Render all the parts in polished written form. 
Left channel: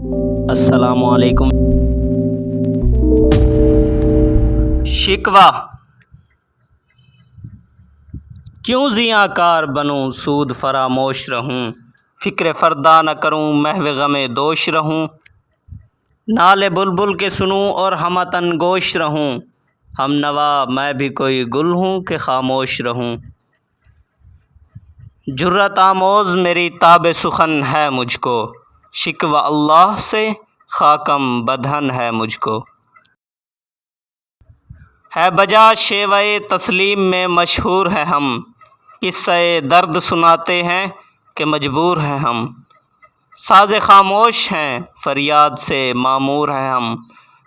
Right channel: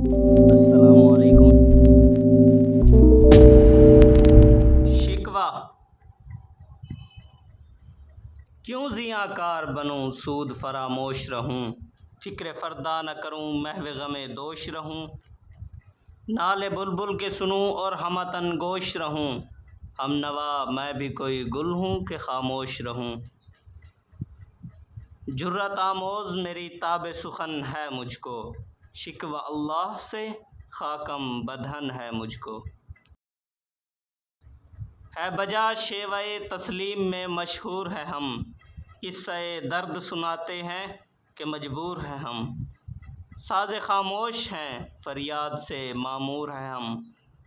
السلام علیکم۔ شکوہ کیوں زیاں کار بنوں، سود فراموش رہوں، فکر فردا نہ کروں، محو غم دوش رہوں، نالے بلبل کے سنوں اور ہمتن گوش رہوں، ہم نوا میں بھی کوئی گل ہوں کہ خاموش رہوں، جرأت آموز میری تاب سخن ہے مجھ کو، شکوہ اللہ سے خاکم بدہن ہے مجھ کو، ہے بجا شیوہ تسلیم میں مشہور ہے ہم، قصہ درد سناتے ہیں کہ مجبور ہیں ہم، ساز خاموش ہیں فریاد سے معمور ہیں ہم،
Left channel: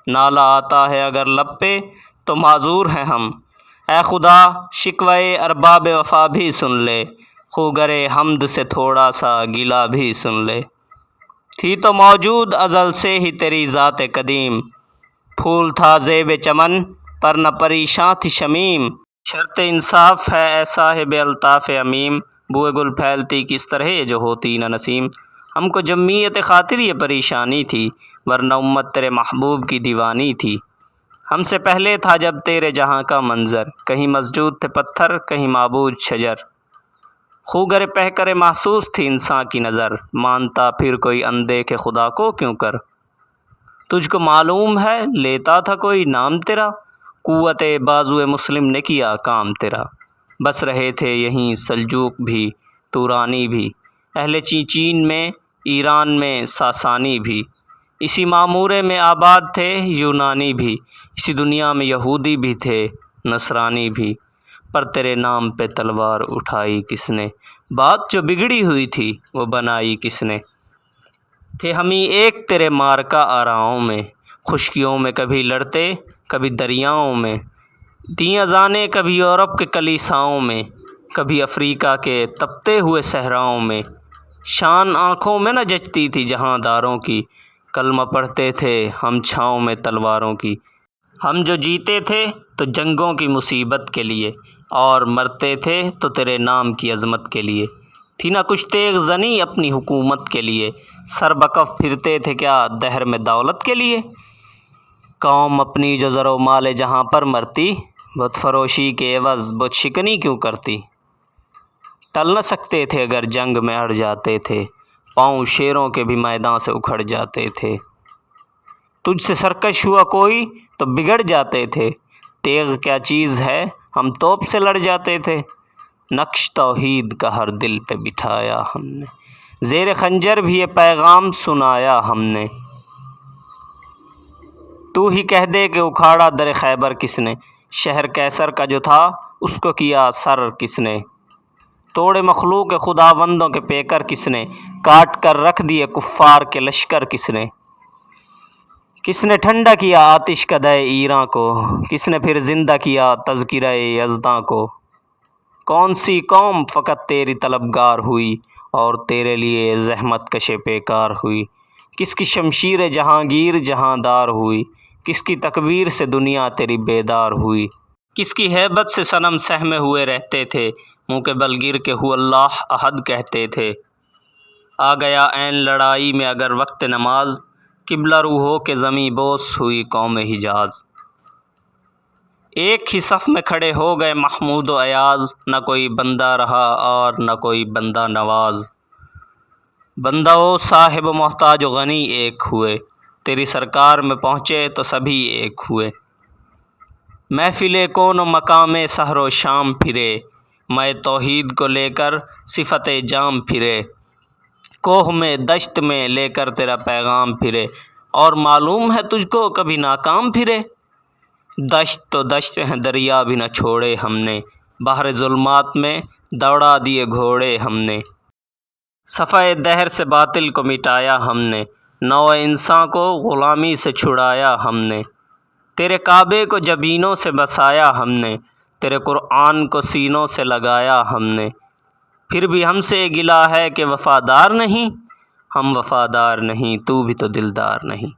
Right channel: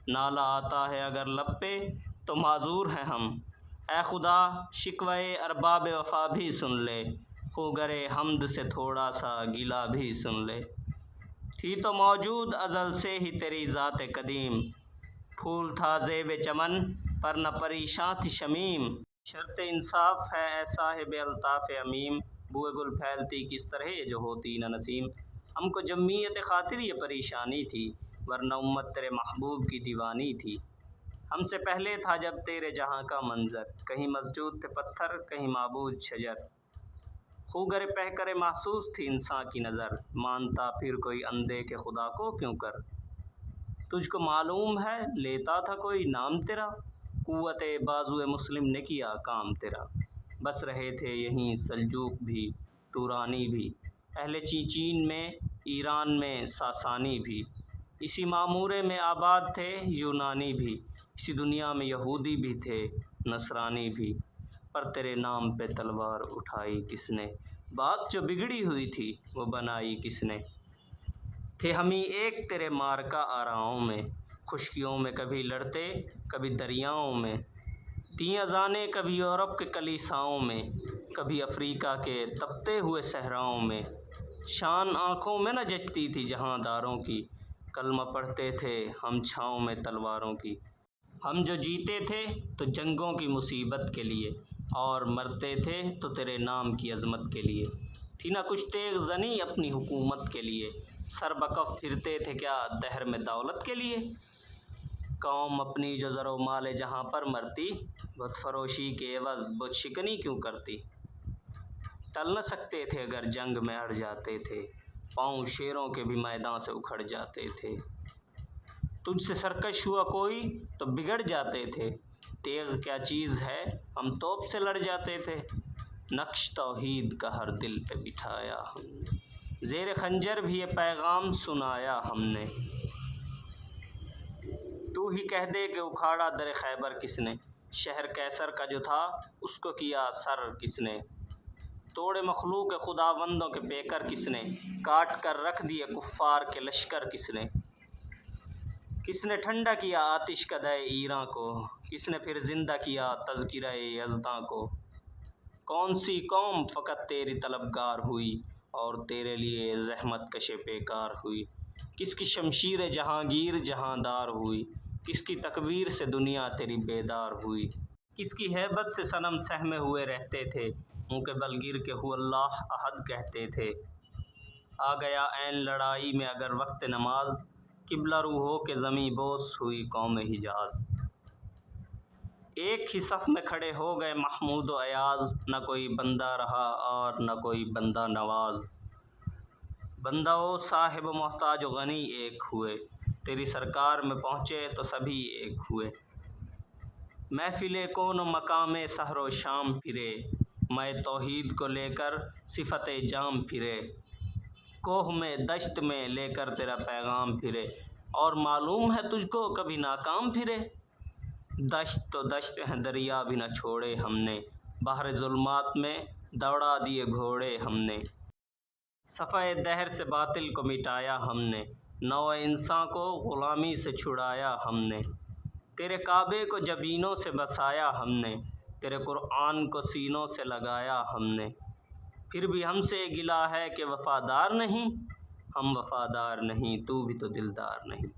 نالہ آتا ہے اگر لب پہ تو معذور ہیں ہم، اے خدا شکوہ ارباب وفا بھی سن لے، خوگر حمد سے تھوڑا سا گلہ بھی سن لے، تھی تو موجود ازل سے ہی تیری ذات قدیم، پھول تھا زیب چمن پر نہ پریشاں تھی شمیم، شرط انصاف ہے اے صاحب الطاف عمیم، بوئے گل پھیلتی کس طرح جو ہوتی نہ نسیم، ہم کو جمعیت خاطر یہ پریشانی تھی، ورنہ امت تیرے محبوب کی دیوانی تھی، ہم سے پہلے تھا جب تیرے جہاں کا منظر، کہیں مسجود تھے پتھر کہیں معبود شجر، خوگر پہ محسوس تھی انسان کی نظر، مانتا پھر کوئی اندیکھے خدا کو کیوں کر، تجھ کو معلوم ہے لیتا تھا کوئی نام تیرا، قوت بازو مسلم نے کیا کام تیرا، بس رہے تھے یہیں سلجوق بھی تورانی بھی، اہل چین میں ایران میں ساسانی بھی، اسی معمورے میں آباد تھے یونانی بھی، اسی دنیا میں یہودی بھی تھے نصرانی بھی، پر تیرے نام پہ تلوار اٹھائی کس نے، بات جو بگڑی ہوئی تھی وہ بنائی کس نے، تھے ہمیں ایک تیرے مارکا آراؤں میں، خشکیوں میں کبھی لڑتے کبھی دریاؤں میں، دیں اذانیں کبھی یورپ کے کلیساؤں میں، کبھی افریقہ کے تپتے ہوئے صحراؤں میں، شان آنکھوں میں نہ جچتی تھی جہاں داروں کی، کلمہ پڑھتے تھے ہم چھاؤں میں تلواروں کی، ہم جو جیتے تھے تو جنگوں کی مصیبت کے لیے، اور مرتے تھے تو تیرے نام کی عظمت کے لیے، تھی نہ کچھ تیغ زنی اپنی حکومت کے لیے، سر بکف پھرتے تھے کیا دہر میں دولت کے لیے، قوم اپنی جو زر و مال جہاں پر مرتی، بت فروشی کے عوض بت شکنی کیوں کرتی، ٹل نہ سکتے تھے اگر جنگ میں اڑ جاتے تھے، پاؤں شیروں کے بھی میدان سے اکھڑ جاتے تھے، تجھ سے سرکش ہوا کوئی تو بگڑ جاتے تھے، تیغ کیا چیز ہے ہم توپ سے لڑ جاتے تھے، نقش توحید کا ہر دل پہ بٹھایا ہم نے، زیر خنجر بھی یہ پیغام سنایا ہم نے، تو ہی کہہ دے کہ اکھاڑا در خیبر کس نے، شہر کیسر کا جو تھا اس کو کیا سر کس نے، توڑے مخلوق خداوندوں کے پیکر کس نے، کاٹ کر رکھ دیے کفار کے لشکر کس نے، کس نے ٹھنڈا کیا آتش کدہ ایراں کو، کس نے پھر زندہ کیا تذکرہ یزداں کو، کون سی قوم فقط تیری طلبگار ہوئی اور تیرے لیے زحمت کش پیکار ہوئی، کس کی شمشیر جہانگیر جہاں دار ہوئی، کس کی تکبیر سے دنیا تیری بیدار ہوئی، کس کی ہیبت سے صنم سہمے ہوئے رہتے تھے، منہ کے بل گر کے ہو اللہ احد کہتے تھے، آ گیا عین لڑائی میں اگر وقت نماز، قبلہ رو ہو کے زمیں بوس ہوئی قوم حجاز، ایک ہی صف میں کھڑے ہو گئے محمود و ایاز، نہ کوئی بندہ رہا اور نہ کوئی بندہ نواز، بندہ و صاحب و محتاج و غنی ایک ہوئے، تیری سرکار میں پہنچے تو سبھی ایک ہوئے، محفل کون و مقام سحر و شام پھرے، میں توحید کو لے کر صفت جام پھرے، کوہ میں دشت میں لے کر تیرا پیغام پھرے، اور معلوم ہے تجھ کو کبھی ناکام پھرے، دشت تو دشت ہیں دریا بھی نہ چھوڑے ہم نے، بحر ظلمات میں دوڑا دیے گھوڑے ہم نے، صفحہ دہر سے باطل کو مٹایا ہم نے، نوع انسان کو غلامی سے چھڑایا ہم نے، تیرے کعبے کو جبینوں سے بسایا ہم نے، تیرے قرآن کو سینوں سے لگایا ہم نے، پھر بھی ہم سے گلہ ہے کہ وفادار نہیں، ہم وفادار نہیں تو بھی تو دلدار نہیں،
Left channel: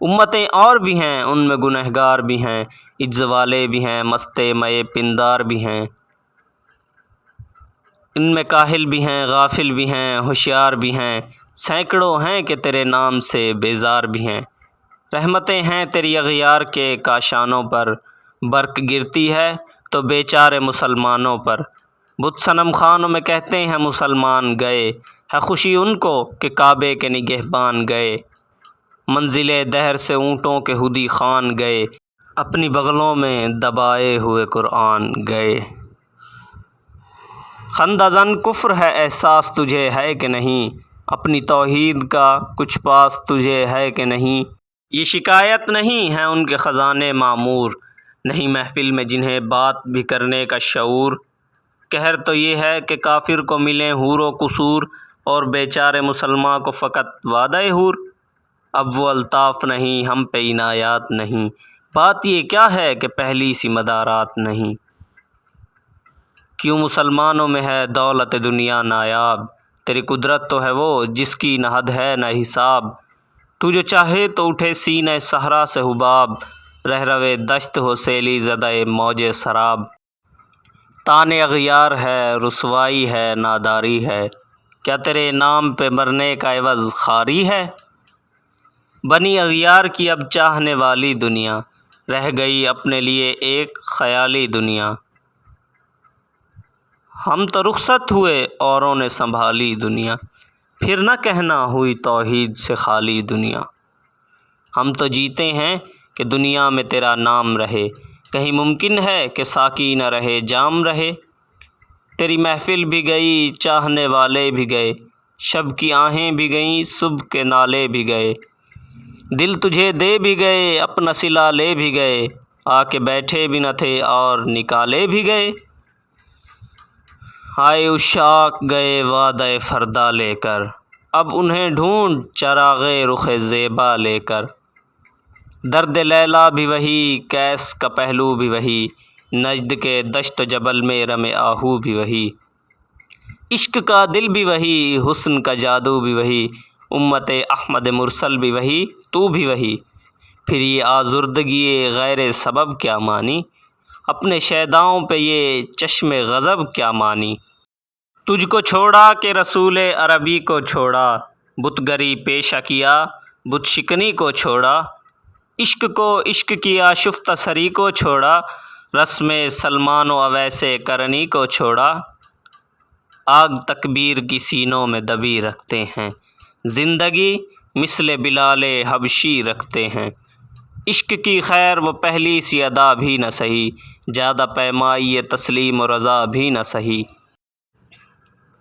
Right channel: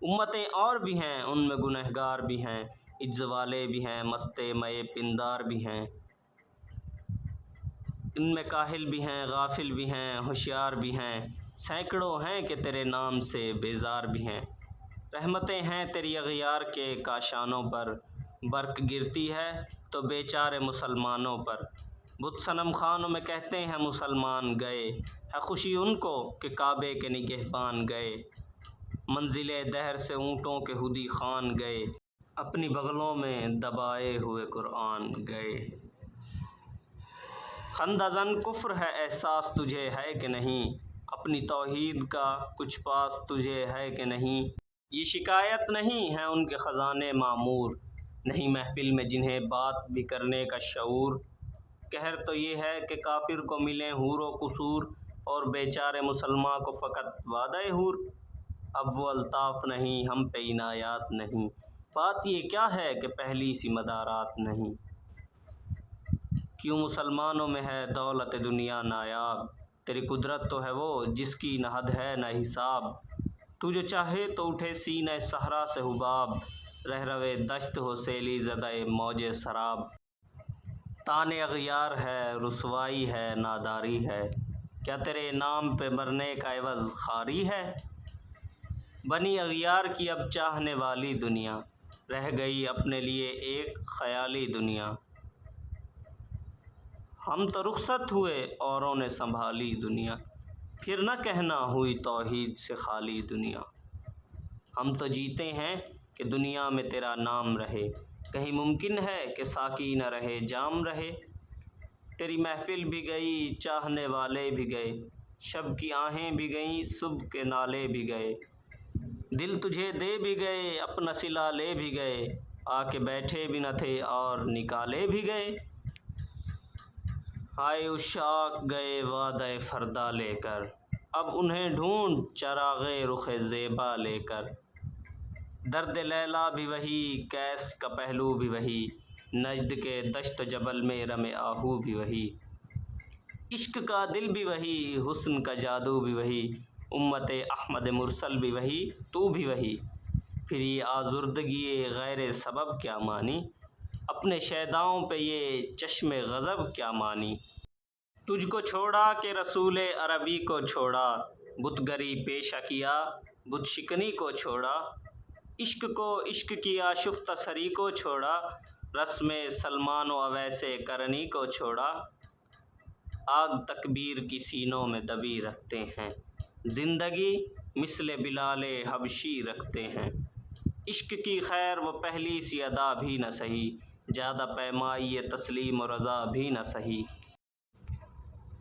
امتیں اور بھی ہیں ان میں گنہگار بھی ہیں، عجز والے بھی ہیں مستے مئے پندار بھی ہیں، ان میں کاہل بھی ہیں غافل بھی ہیں ہوشیار بھی ہیں، سینکڑوں ہیں کہ تیرے نام سے بیزار بھی ہیں، رحمتیں ہیں تیری اغیار کے کاشانوں پر، برق گرتی ہے تو بیچارے مسلمانوں پر۔ بت صنم خانوں میں کہتے ہیں مسلمان گئے، ہے خوشی ان کو کہ کعبے کے نگہبان گئے۔ منزل دہر سے اونٹوں کے ہدی خوان گئے، اپنی بغلوں میں دبائے ہوئے قرآن گئے۔ خندہ زن کفر ہے احساس تجھے ہے کہ نہیں، اپنی توحید کا کچھ پاس تجھے ہے کہ نہیں۔ یہ شکایت نہیں ہے ان کے خزانے معمور، نہیں محفل میں جنہیں بات بھی کرنے کا شعور۔ قہر تو یہ ہے کہ کافر کو ملیں حور و قصور، اور بیچارے مسلماں کو فقط وعدہ حور۔ اب وہ الطاف نہیں ہم پہ عنایات نہیں، بات یہ کیا ہے کہ پہلی سی مدارات نہیں۔ کیوں مسلمانوں میں ہے دولت دنیا نایاب، تیری قدرت تو ہے وہ جس کی نہ حد ہے نہ حساب۔ تو جو چاہے تو اٹھے سینہ صحرا سے حباب، رہ روے دشت ہو سیلی زدہ موج سراب۔ تان اغیار ہے رسوائی ہے ناداری ہے، کیا تیرے نام پہ مرنے کا عوض خواری ہے۔ بنی اغیار کی اب چاہنے والی دنیا، رہ گئی اپنے لیے ایک خیالی دنیا۔ ہم تو رخصت ہوئے اوروں نے سنبھالی دنیا، پھر نہ کہنا ہوئی توحید سے خالی دنیا۔ ہم تو جیتے ہیں کہ دنیا میں تیرا نام رہے، کہیں ممکن ہے کہ ساقی نہ رہے جام رہے۔ تیری محفل بھی گئی چاہنے والے بھی گئے، شب کی آہیں بھی گئیں صبح کے نالے بھی گئے۔ دل تجھے دے بھی گئے اپنا صلہ لے بھی گئے، آ کے بیٹھے بھی نہ تھے اور نکالے بھی گئے۔ آئے عشاق گئے وعدہ فردا لے کر، اب انہیں ڈھونڈ چراغ رخ زیبا لے کر۔ درد لیلا بھی وہی کیس کا پہلو بھی وہی، نجد کے دشت و جبل میں رم آہو بھی وہی۔ عشق کا دل بھی وہی حسن کا جادو بھی وہی، امت احمد مرسل بھی وہی تو بھی وہی۔ پھر یہ آزردگی غیر سبب کیا مانی، اپنے شیداؤں پہ یہ چشم غضب کیا مانی۔ تجھ کو چھوڑا کہ رسول عربی کو چھوڑا، بت گری پیشہ کیا بت شکنی کو چھوڑا۔ عشق کو عشق کیا شفتہ سری کو چھوڑا، رسم سلمان و اویس کرنی کو چھوڑا۔ آگ تکبیر کی سینوں میں دبی رکھتے ہیں، زندگی مثل بلال حبشی رکھتے ہیں۔ عشق کی خیر وہ پہلی سی ادا بھی نہ سہی، زیادہ پیمائی تسلیم و رضا بھی نہ سہی۔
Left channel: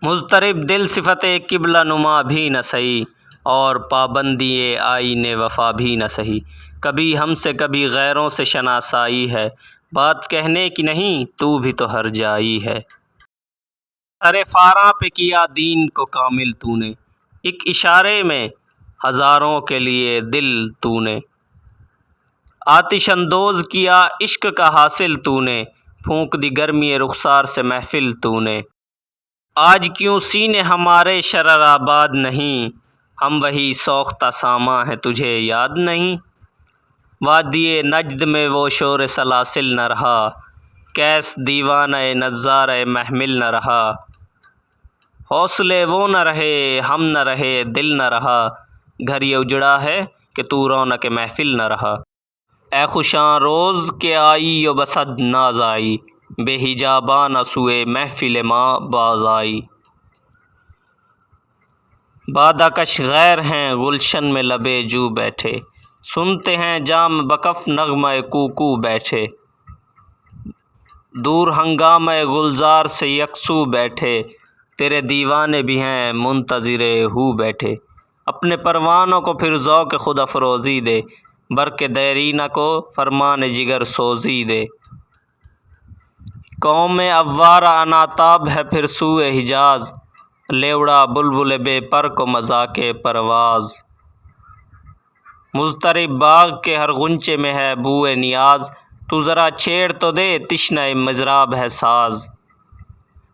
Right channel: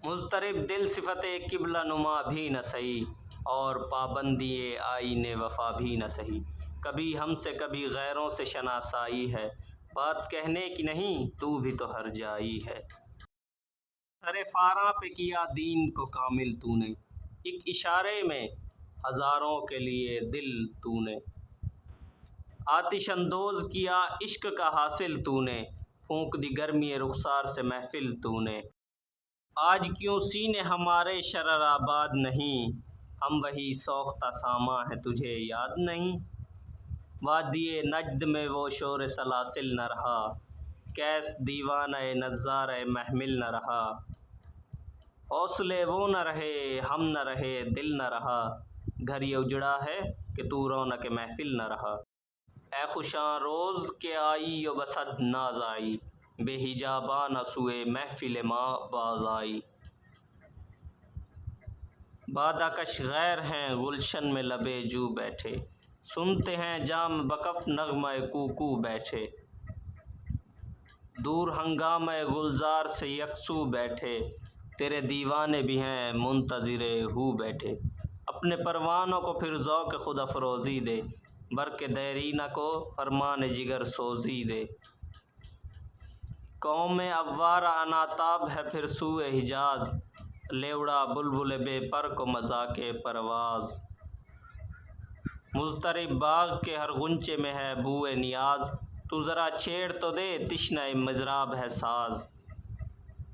مضطرب دل صفت قبلہ نما بھی نہ سہی، اور پابندی آئین وفا بھی نہ سہی۔ کبھی ہم سے کبھی غیروں سے شناسائی ہے، بات کہنے کی نہیں تو بھی تو ہر جائی ہے۔ سر فاراں پہ کیا دین کو کامل تو نے، ایک اشارے میں ہزاروں کے لیے دل تو نے۔ آتش اندوز کیا عشق کا حاصل تو نے، پھونک دی گرمی رخسار سے محفل تو نے۔ آج کیوں سینے ہمارے شرر آباد نہیں، ہم وہی سوختہ ساما ہیں تجھے یاد نہیں۔ وادی نجد میں وہ شور سلاسل نہ رہا، کیس دیوانہ نظارہ محمل نہ رہا۔ حوصلے وہ نہ رہے ہم نہ رہے دل نہ رہا، گھر یہ اجڑا ہے کہ تو رونق محفل نہ رہا۔ اے خوشاں روز کہ آئی و بصد ناز آئی، بے حجاباں نہ سوئے محفل ما باز آئی۔ بادہ کش غیر ہیں گلشن میں لبے جو بیٹھے، سنتے ہیں جام بکف نغمہ کوکو بیٹھے۔ دور ہنگامہ گلزار سے یکسو بیٹھے، تیرے دیوانے بھی ہیں منتظر ہو بیٹھے۔ اپنے پروانوں کو پھر ذوق خود افروزی دے، برق دیرینہ کو فرمان جگر سوزی دے۔ قوم اوارہ اناتاب ہے پھر سوئے حجاز، لے اڑا بلبل بے پر کو مذاق پرواز۔ مضطرب باغ کے ہر غنچے میں ہے بوئے نیاز، تو ذرا چھیڑ تو دے تشنہ مضراب ہے ساز۔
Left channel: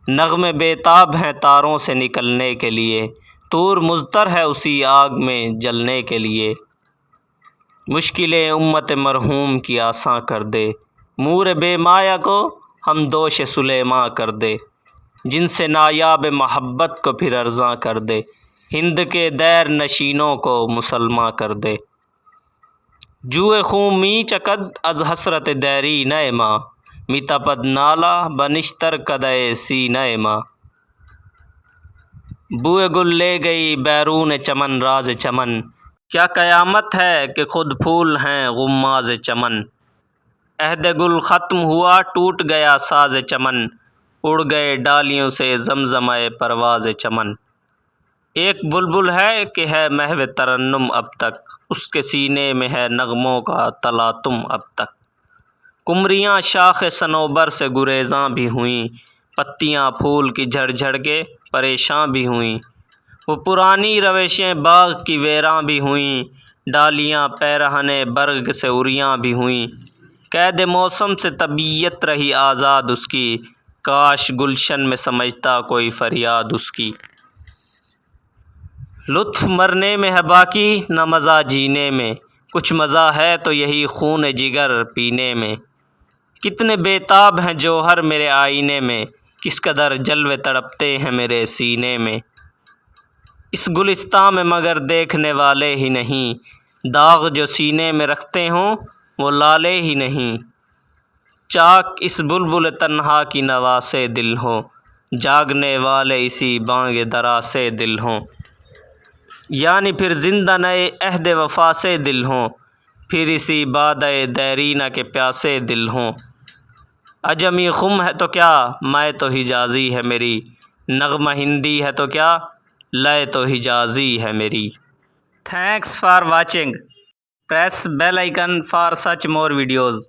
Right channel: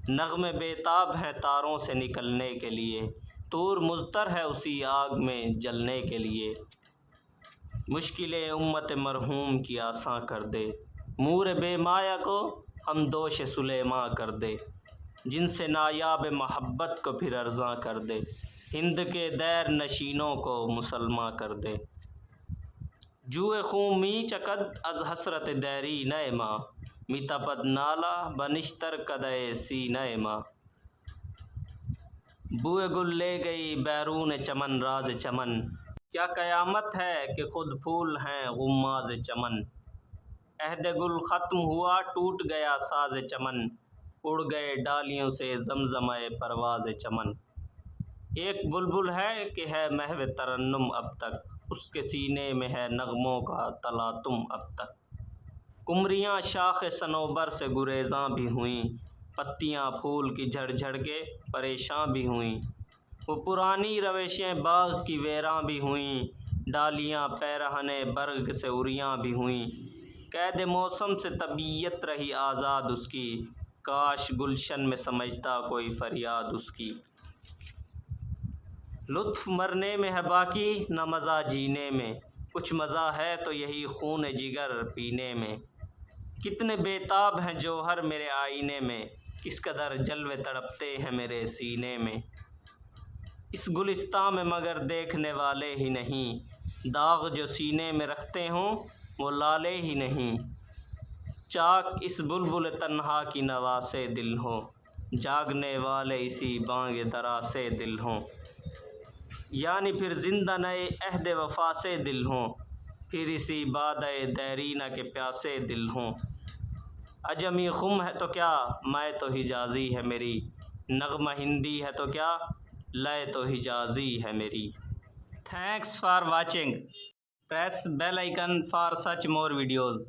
نغمے بے تاب ہیں تاروں سے نکلنے کے لیے، طور مضطر ہے اسی آگ میں جلنے کے لیے۔ مشکلیں امت مرحوم کی آساں کر دے، مور بے مایہ کو ہم دوش سلیماں کر دے۔ جن سے نایاب محبت کو پھر ارزاں کر دے، ہند کے دیر نشینوں کو مسلماں کر دے۔ جوئے خون می چکد از حسرت دیری نئے ماں، می تپد نالا بنشتر کدے سینہ ماں۔ بوئے گل لے گئی بیرون چمن راز چمن، کیا قیامت ہے کہ خود پھول ہیں غماز چمن۔ عہد گل ختم ہوا ٹوٹ گیا ساز چمن، اڑ گئے ڈالیوں سے زمزمہ پرواز چمن۔ ایک بلبل ہے کہ ہے محو ترنم اب تک، اس کے سینے میں ہے نغموں کا تلاطم اب تک۔ قمریاں شاخ صنوبر سے گریزاں بھی ہوئیں، پتیاں پھول کی جھڑ جھڑ کے پریشاں بھی ہوئیں۔ وہ پرانی روشیں باغ کی ویراں بھی ہوئیں، ڈالیاں پیرہن برگ سے عریاں بھی ہوئیں۔ قید موسم سے طبیعت رہی آزاد اس کی، کاش گلشن میں سمجھتا کوئی فریاد اس کی۔ لطف مرنے میں ہے باقی نہ مزہ جینے میں، کچھ مزہ ہے تو یہی خون جگر پینے میں۔ کتنے بے تاب ہیں جوہر میرے آئینے میں، کس قدر جلوے تڑپتے ہیں میرے سینے میں۔ اس گلستاں میں مگر دیکھنے والے ہی نہیں، داغ جو سینے میں رکھتے ہوں وہ لالے ہی نہیں۔ چاک اس بلبل تنہا کی نوا سے دل ہوں، جاگنے والے اسی بانگ درا سے دل ہوں۔ یعنی پھر زندہ نئے عہد وفا سے دل ہوں، پھر اسی بادۂ دیرینہ کے پیاسے دل ہوں۔ عجمی خم ہے تو کیا میں تو حجازی ہے میری، نغمہ ہندی ہے تو کیا لے تو حجازی ہے میری۔ Thanks for watching. Press bell icon for such more videos.